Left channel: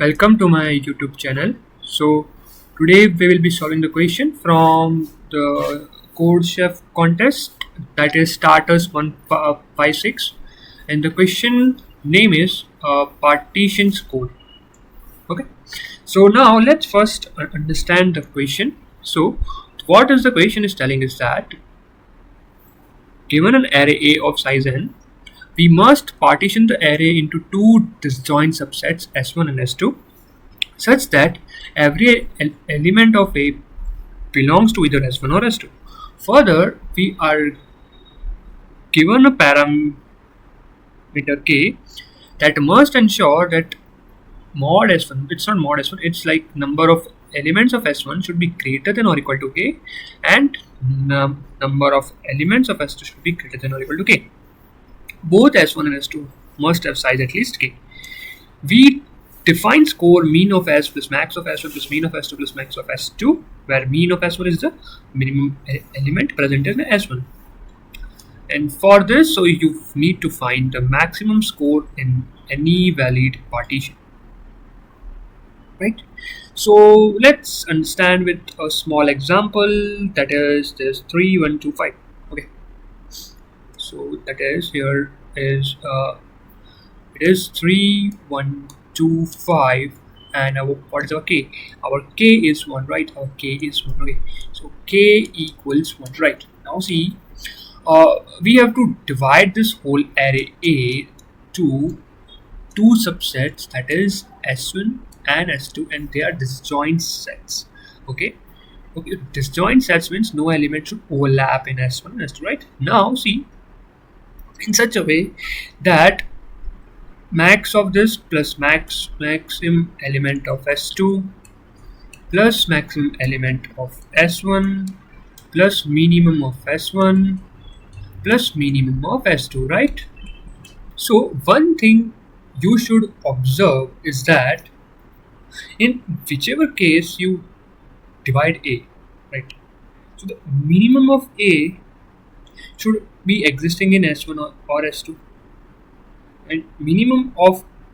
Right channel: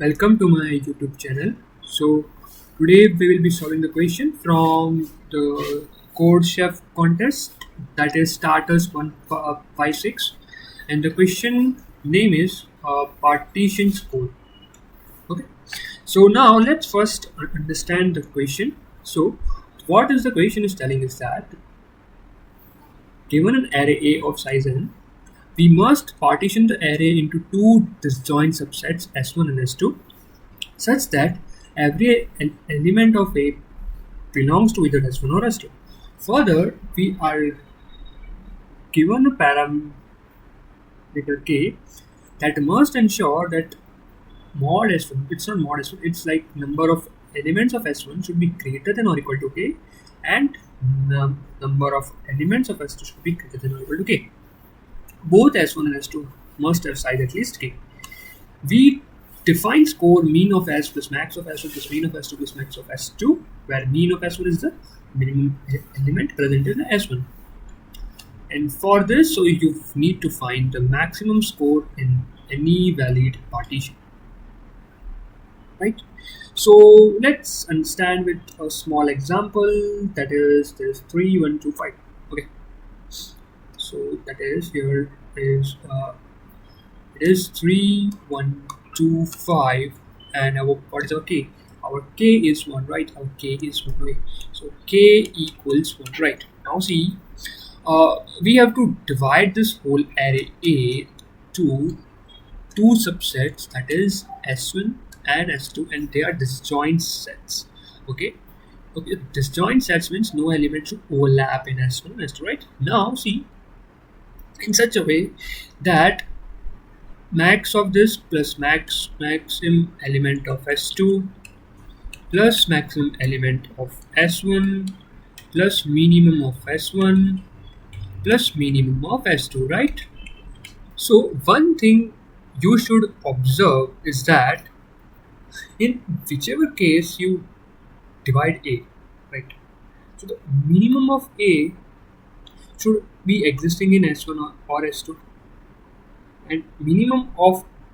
Welcome to my YouTube channel. So today we will be solving the question from the Codechef contest, that is starters 156, and the question name is partition score. Okay. So now let's first understand the question. So what is the question is telling is that given an array A of size n, we must partition the array into two disjoint subsets S1 and S2 such that every element of A belongs to either S1 or S2. Further, we are given a parameter K that must ensure that mod S1, it's not mod S1, it's like number of elements of S1 should be greater than or equal to K, and number of elements of S2 should be greater than or equal to K. Both S1 and S2 must have size at least K. We define score mean of S plus max of S1 plus mean of S2 plus max of S2, where mean of S1 is the minimum element present in S1. And for this, so you need to find the maximum score in any valid partition. Right? So let's understand with a small example, that is this 3, 1, 2, 5. Okay. So that is here is it is 3, 1, 2, 5, and what is our K? Our K is 1, right? Our K is 1. Okay, so K equals 1, right? Now see, we have to divide this whole array A to two subsets, that is S1 and S2, and they are disjoint sets. Okay, disjoint sets means no element should overlap in S1 and S2, right? Now see, in such a way that max of this plus maximum element of S2 plus maximum element of S1 plus minimum of S1 plus minimum of S2, right? So one thing you should observe is that in whichever case you divide A, right? So the minimum of A should be existing in S1 or S2, and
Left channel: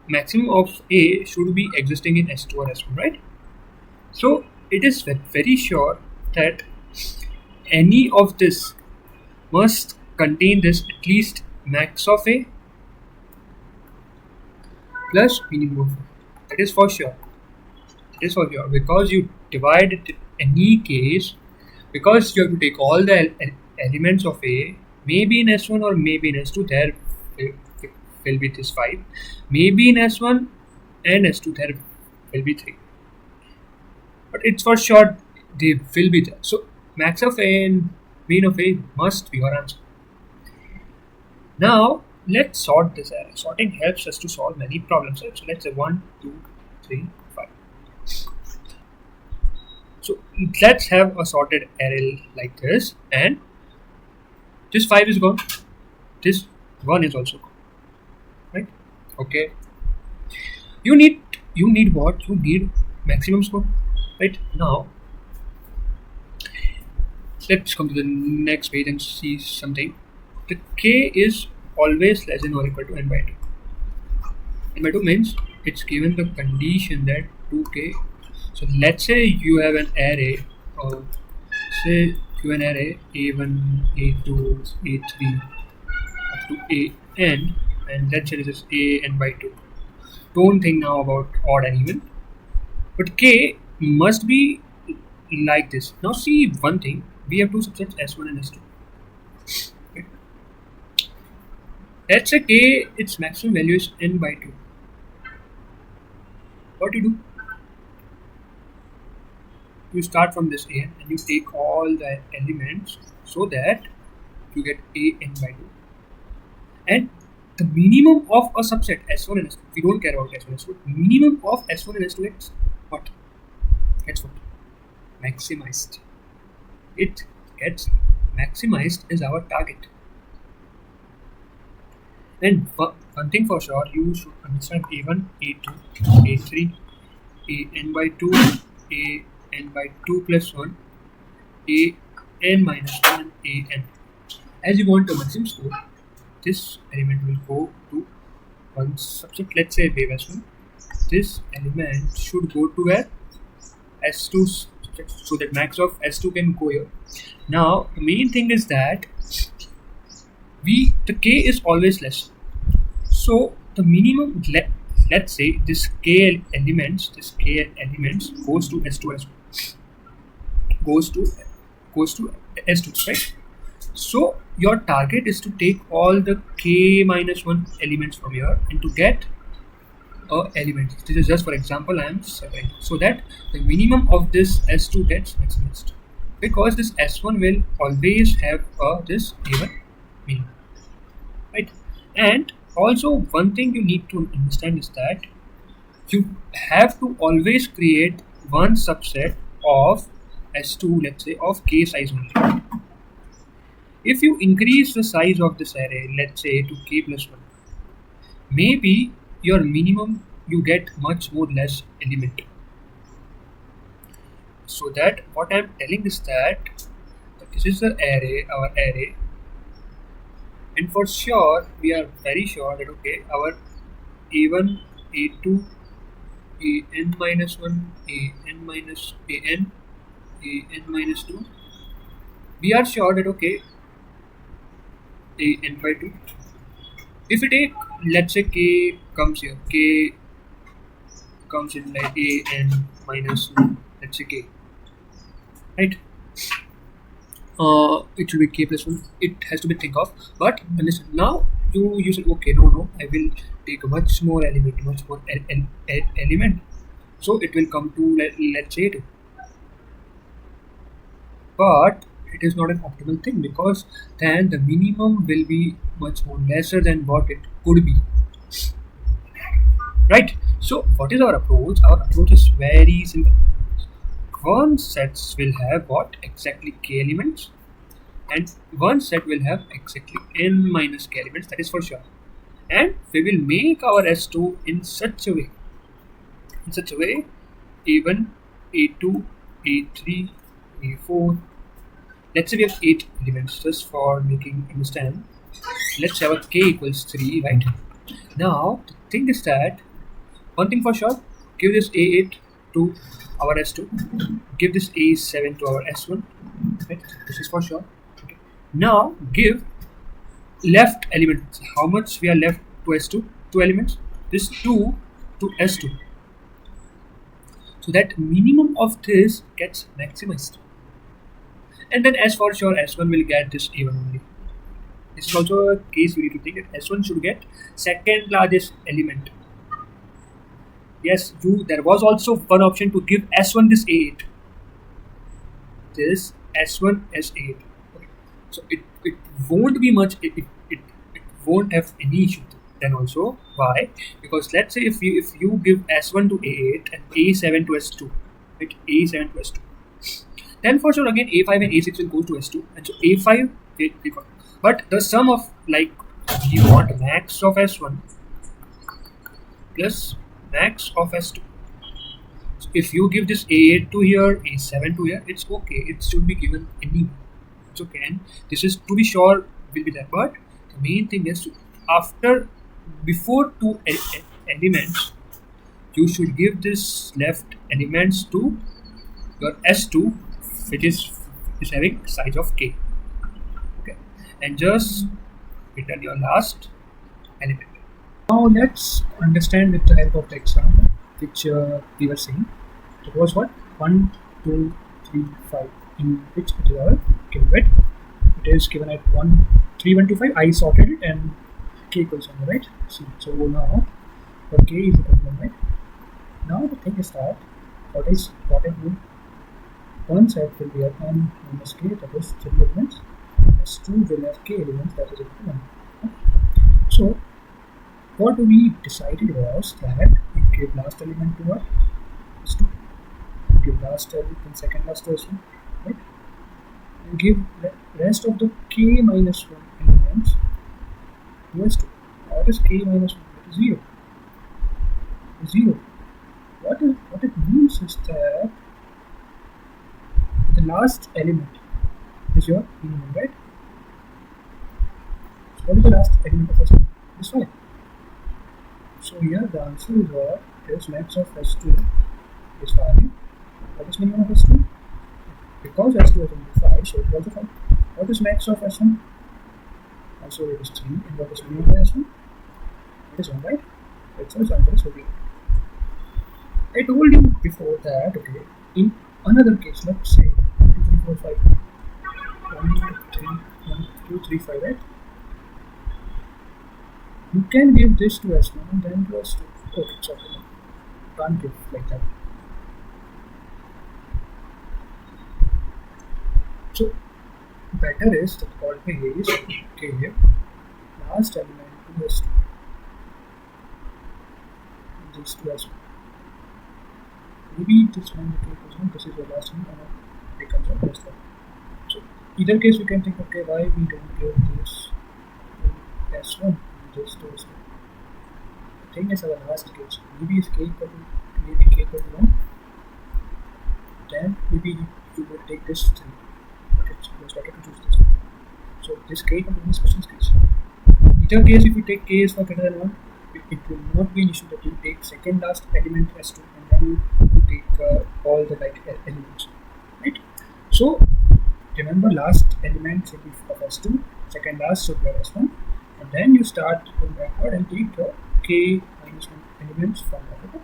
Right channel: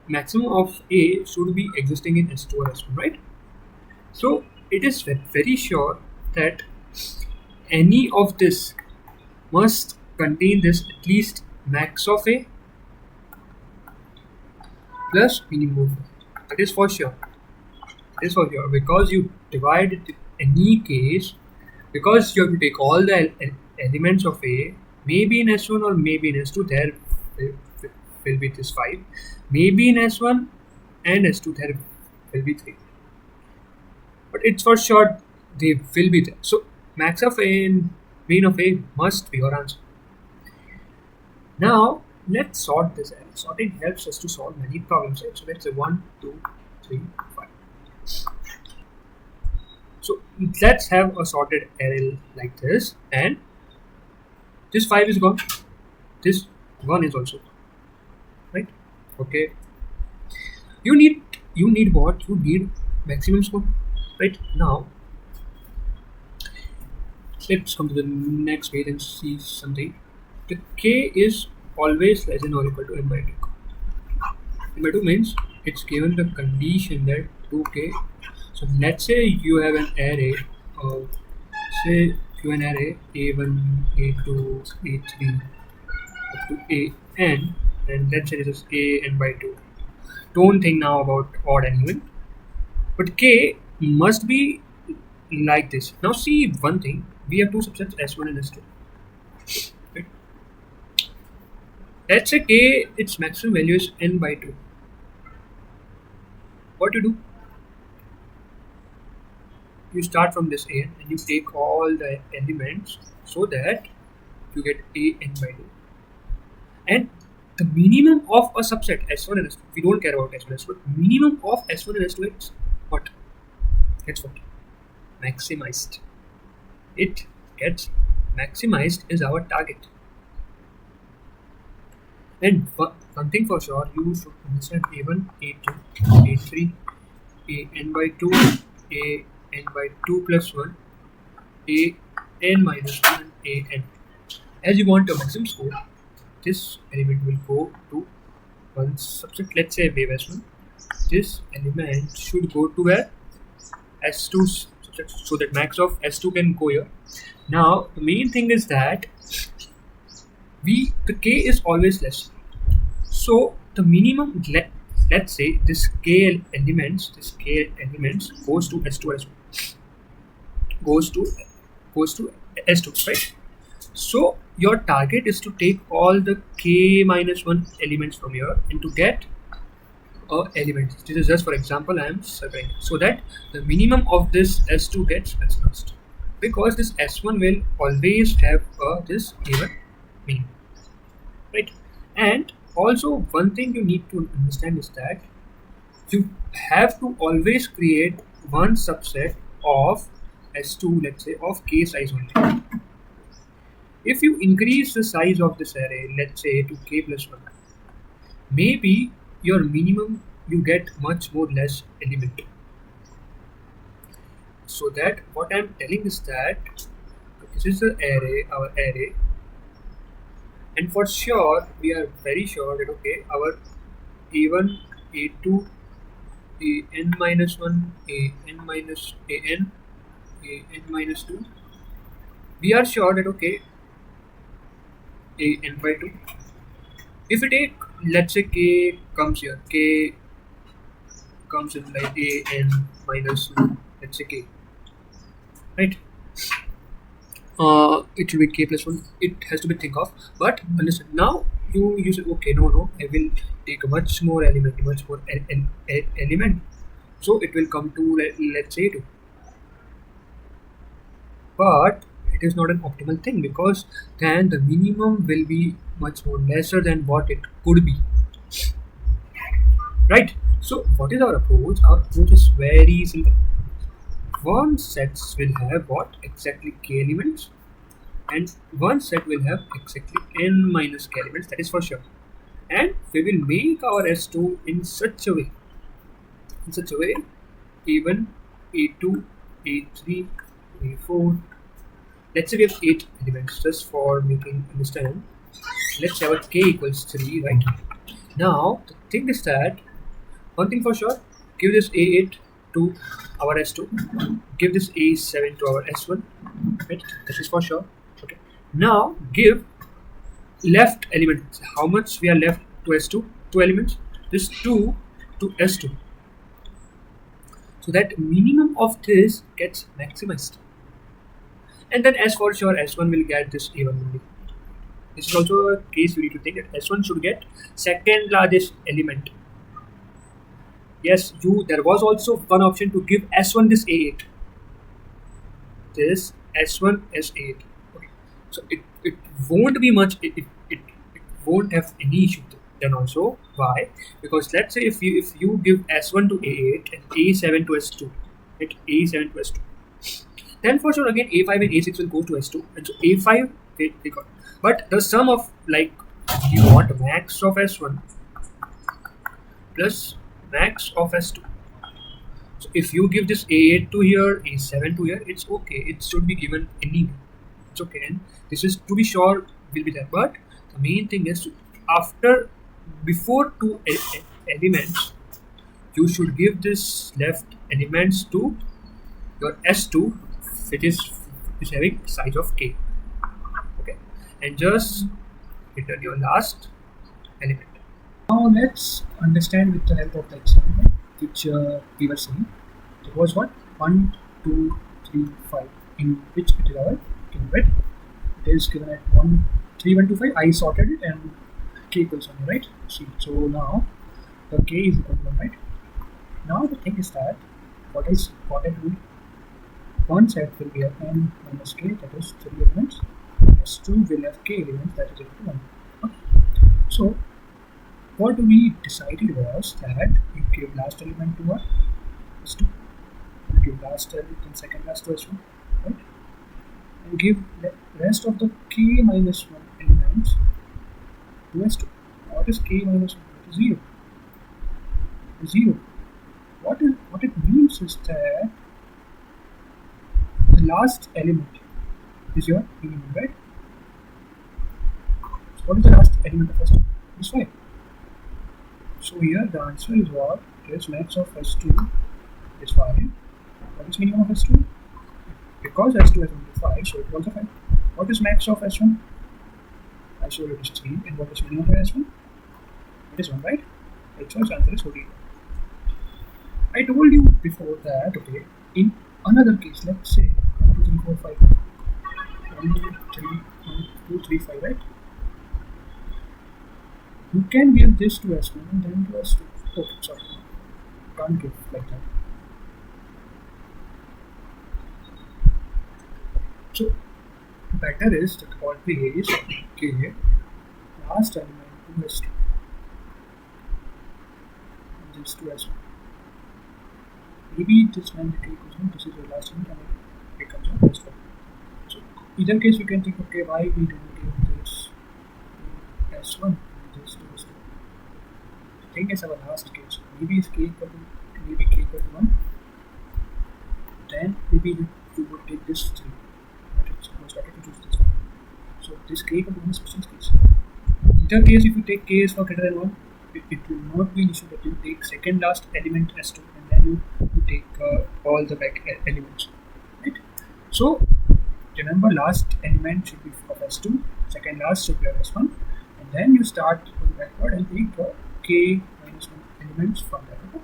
maximum of A should be existing in S2 or S1, right? So it is very sure that any of this must contain this at least max of A plus minimum of A. That is for sure. It is for sure, because you divide it in any case, because you have to take all the elements of A, maybe in S1 or maybe in S2, there will be this 5, maybe in S1 and S2 there will be 3, but it's for sure they will be there. So max of A and mean of A must be your answer. Now let's sort this array. Sorting helps us to solve many problems, right? So let's say 1, 2, 3, 5. So let's have a sorted array like this, and this 5 is gone, this 1 is also gone, right? Okay, you need what? You need maximum score, right? Now let's come to the next page and see something. The K is always less than or equal to n by 2. N by 2 means it's given the condition that 2K. So let's say you have an array of, say you have an array A1, A2, A3 up to AN, and let's say this is AN by 2. Don't think now about odd and even, but K must be like this. Now see one thing, we have two subsets S1 and S2, right? Let's say K, its maximum value is n by 2. What you do? You start from this AN and you take all the elements so that you get AN by 2. And the minimum of a subset S1 and S2, we don't care about S1 and S2, but minimum of S1 and S2, it's what? It's what? Maximized. It gets maximized is our target. And one thing for sure, you should understand A1, A2, A3, AN by 2, AN by 2 plus 1, AN minus 1, and AN. As you want a maximum score, this element will go to one subset, let's say wave S1, this element should go to where? S2, so that max of S2 can go here. Now the main thing is that the K is always less. So the minimum, let's say this K elements goes to S2 as goes to S2, right? So your target is to take all the K minus 1 elements from here and to get a element. This is just for example I am separating so that the minimum of this S2 gets maximized, because this S1 will always have this even minimum, right? And also one thing you need to understand is that you have to always create one subset of S2, let's say of K size only. If you increase the size of this array, let's say to K plus 1, maybe your minimum you get much more less element. So that what I'm telling is that this is the array, our array, and for sure we are very sure that okay, our a1, a2, an minus 1, an minus an minus 2, we are sure that okay, an by 2. If we take, let's say k comes here, k comes in like an minus, let's say k, right? It should be k plus 1. It has to be think of, but understand now you said okay, no, I will take a much more element, element, so it will come to let's say 2. But it is not an optimal thing, because then the minimum will be much more lesser than what it could be, right? So what is our approach? Our approach is very simple. One set will have what? Exactly k elements, and one set will have exactly n minus k elements, that is for sure. And we will make our S2 in such a way, a1, a2, a3, a4, let's say we have 8 elements, just for making understand. Let's have a k equals 3, right? Now the thing is that one thing for sure, give this a8 to our S2, give this a7 to our S1, right? This is for sure. Okay, now give left element, how much we are left to S2, 2 elements, this 2 to S2, so that minimum of this gets maximized. And then as for sure S1 will get this A1 only. This is also a case you need to think that S1 should get second largest element. Yes, there was also one option to give S1 this A8. This S1 S8. Okay. So it won't be much, it won't have any issue then also. Why? Because let's say if you give S1 to A8 and A7 to S2, right? A7 to S2. Then for sure again A5 and A6 will go to S2, and so A5 we got. But the sum of like you want max of S1 plus max of S2. So if you give this A8 to here, A7 to here, it's okay. It should be given anyway. It's okay, and this is to be sure will be there. But the main thing is before 2 elements, you should give this left elements to your S2, which is having size of k. Okay, and just return your last element. Now let's understand with the help of the example which we were saying. It was what? 1, 2, 3, 5, in which it is our given bit. It is given at 1, 3, 1, 2, 5. I sorted it and k equals 1, right? See, so now the k is equal to 1, right? Now the thing is that what I do, one set will be of n minus k, that is 3 elements. S2 will have k elements, that is equal to 1. Okay. So what we decided was that you give last element to what? S2. You give last element and second last to S1, right? And give rest of the k minus 1 elements to S2. What is k minus 1? That is 0. 0. What it means is that the last element is your minimum, right? So what is the last element of S2? It is 5. So here the answer is what? is max of S2 is 5. What is minimum of S2? Because S2 is only 5, so it is also 5. What is max of S1? I showed it is 3. And what is minimum of S1? It is 1, right? Right, so its answer is 14. I told you before that, okay, in another case, let's say 1, 2, 3, 4, 5. 1, 3, 1, 2, 3, 5, right? You can give this to S1 and then to S2. Okay, sorry, no. Can't give like that. So better is that always give last element to S2 and this to S1. Maybe this when the k equals 1, this is your last element and it becomes your S1. So either case you can think, okay, why we don't give this to S1 and this to S2. The thing is our last case. Maybe is k equal to 1. Then maybe you would take this 3. But it was better to choose this one. So this k equal to 1 is special case. Either case, if you take k is for greater than 1, it will not be an issue that you take second last element S2 and then you take all the back elements, right? So remember, last element should be of S2, second last should be of S1, and then you start going backward and take the k minus 1 elements from that. Okay?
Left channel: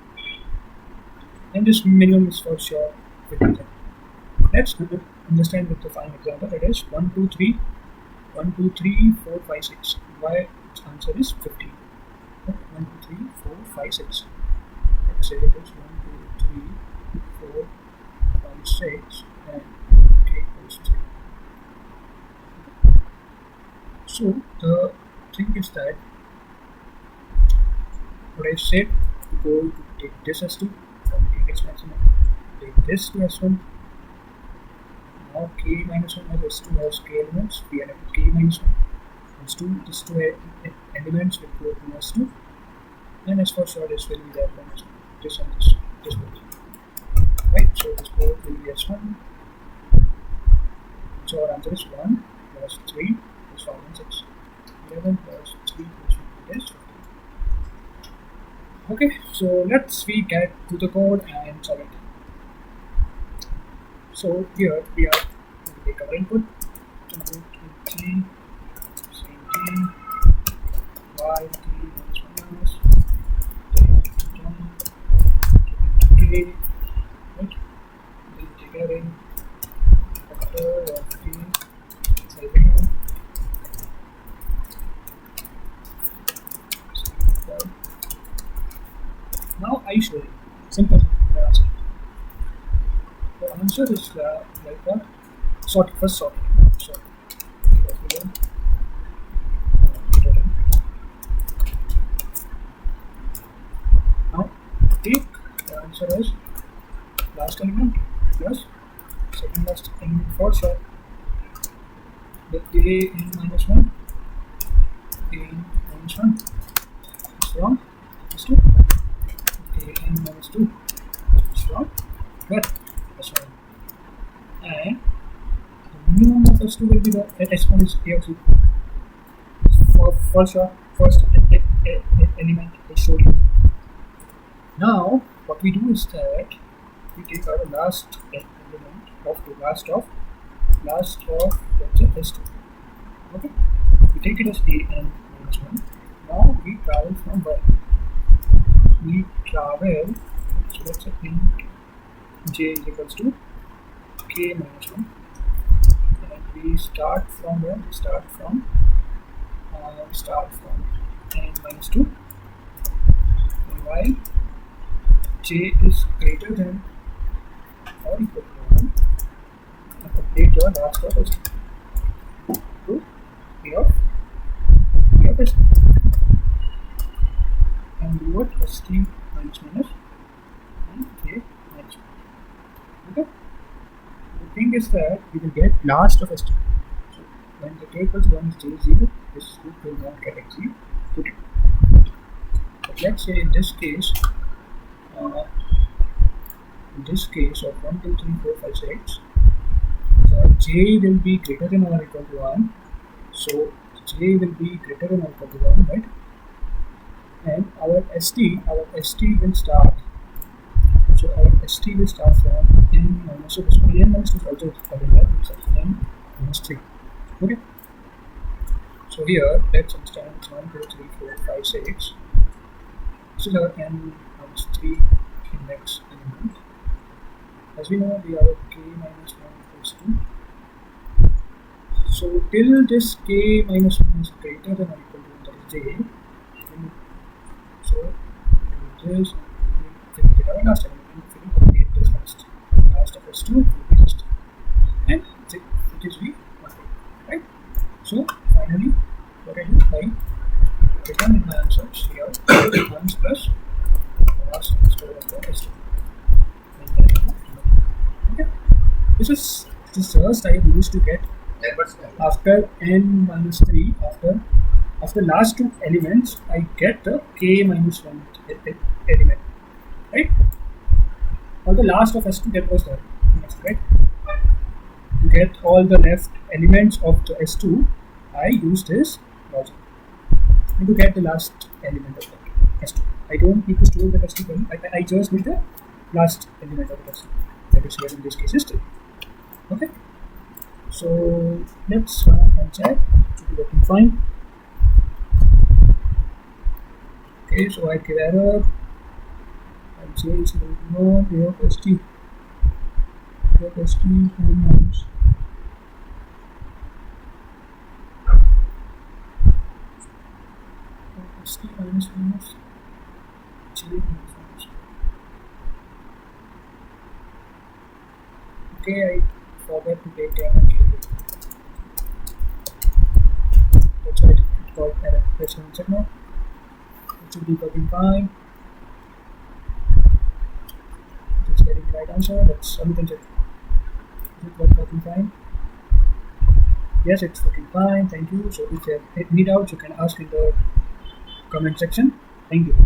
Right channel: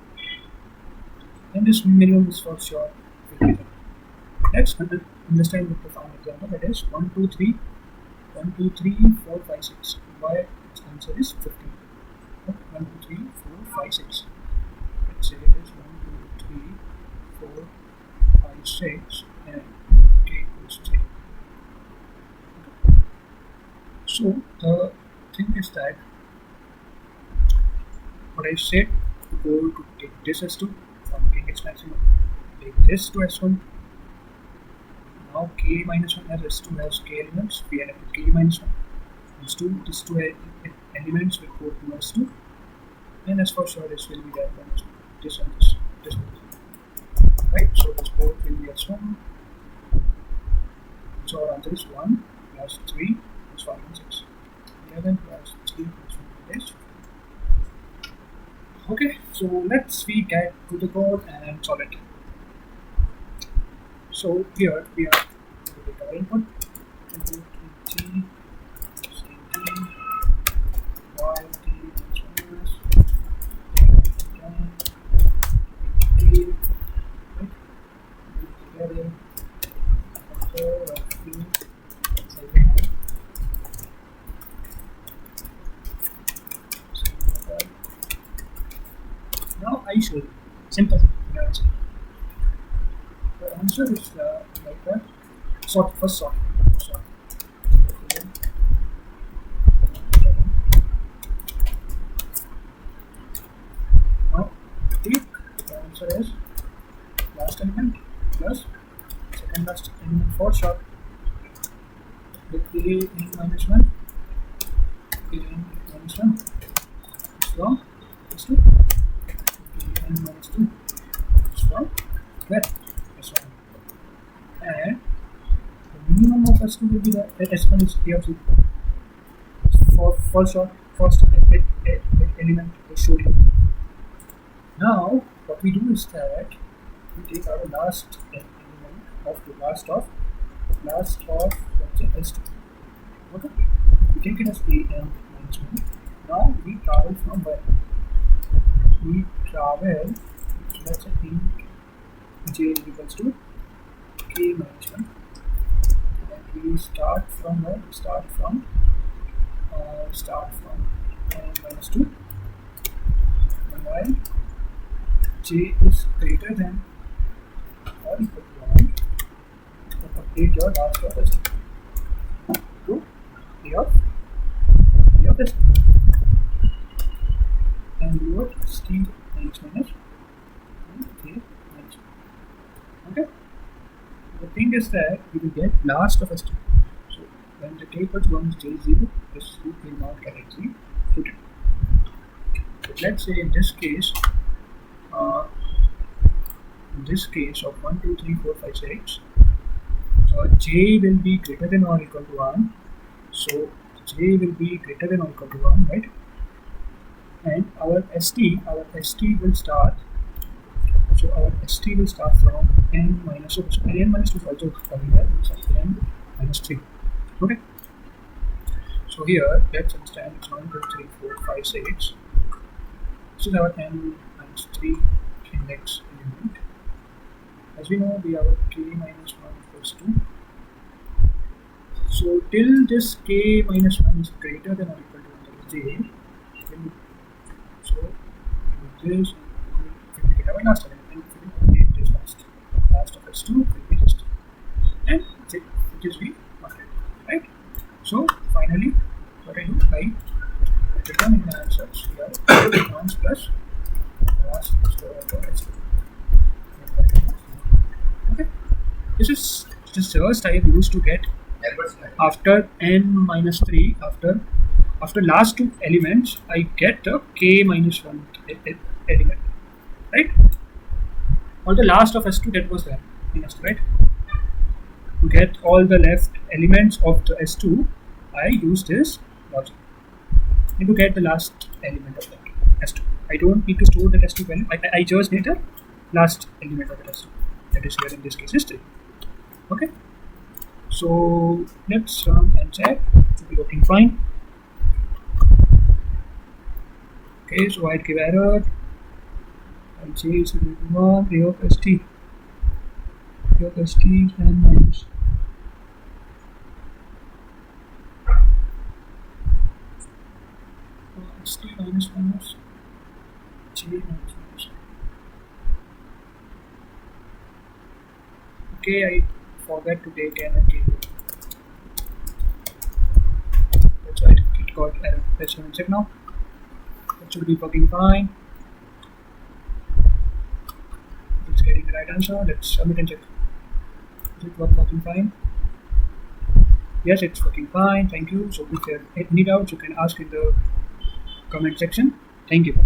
And this minimum is for sure will be there. Let's understand with the final example, that is 1, 2, 3, 1, 2, 3, 4, 5, 6. Why its answer is 15. Okay, 1, 2, 3, 4, 5, 6. Let's say it is 1, 2, 3, 4, 5, 6 and k equals 3. Okay. So the thing is that what I said, to go to take this S2 for making its maximum, take this to S1. Now k minus 1 as S2 has k elements, we end up with k minus 1. These two elements will go to S2, and as for sure this will be there for S1. This and this both. Right, so this both will be S1. So our answer is 1 plus 3 plus 5 and 6. 11 plus 3 plus 1, that is 15. Okay, so let's we get to the code and solve it. So here we are going to take our input, t, same t, y, t minus, take down, k, right? Then we take array, factor of k, size of 1. Now I show you. Simple. Your answer. The answer is like what? Sort. First sort. Sort. Now take the answer is last element plus second last element for sure. The a n minus 1. A n minus 1 is from is 2. A n minus 2 is from where? S1. And the minimum of S2 will be the S1 is A of 0. For sure, first element I showed you. Now, what we do is that we take our last element of the last of let's say S2. Okay? We take it as A n minus 1. Now we travel from where? We travel, so let's say int j is equals to k minus 1, and we start from where? We start from n minus 2, and while j is greater than or equal to 1, and update your last of S2 to a of S2, and do what? st minus minus and j minus 1. Okay. The thing is that we will get last of S2. So when the k equals 1 is j 0, this loop will not get executed. But let's say in this case of 1, 2, 3, 4, 5, 6, j will be greater than or equal to 1. So j will be greater than or equal to 1, right? and our st will start. So our st will start from n minus, so n minus 2 is also covering that, it's n minus 3. Okay, so here let's understand it's 1 2 3 4 5 6. This is our n minus 3 index element. As we know, we have a k minus 1 equals 2. So till this k minus 1 is greater than or equal to 1, that is j, so we will this and we will get our last element, and we will update this last of s2 will be this, and that's it, which is we wanted, right? So finally what I do, I return in my answers here once plus last score of the s2, and then okay, this is the search I have used to get after n minus 3, after last two elements I get the k minus 1 element, right? Or the last of s2 that was there in s2, right? To get all the left elements of the s2, I use this logic, and to get the last element of that s2, I don't need to store that s2 value, I just need the last element of the s2, that is here in this case is 3. Okay, so let's run and check, it should be working fine. Okay, so I'd give error, I'll say it's equal to 1, a of st is n minus st minus 1 is j minus 1 is. Okay, I forgot to take n and k here, that's why it got error. Let's run and check now, it should be working fine. It's getting the right answer. Let's submit and check. Is it working fine? Yes, it's working fine. Thank you. So if you have any doubts, you can ask in the comment section. Thank you.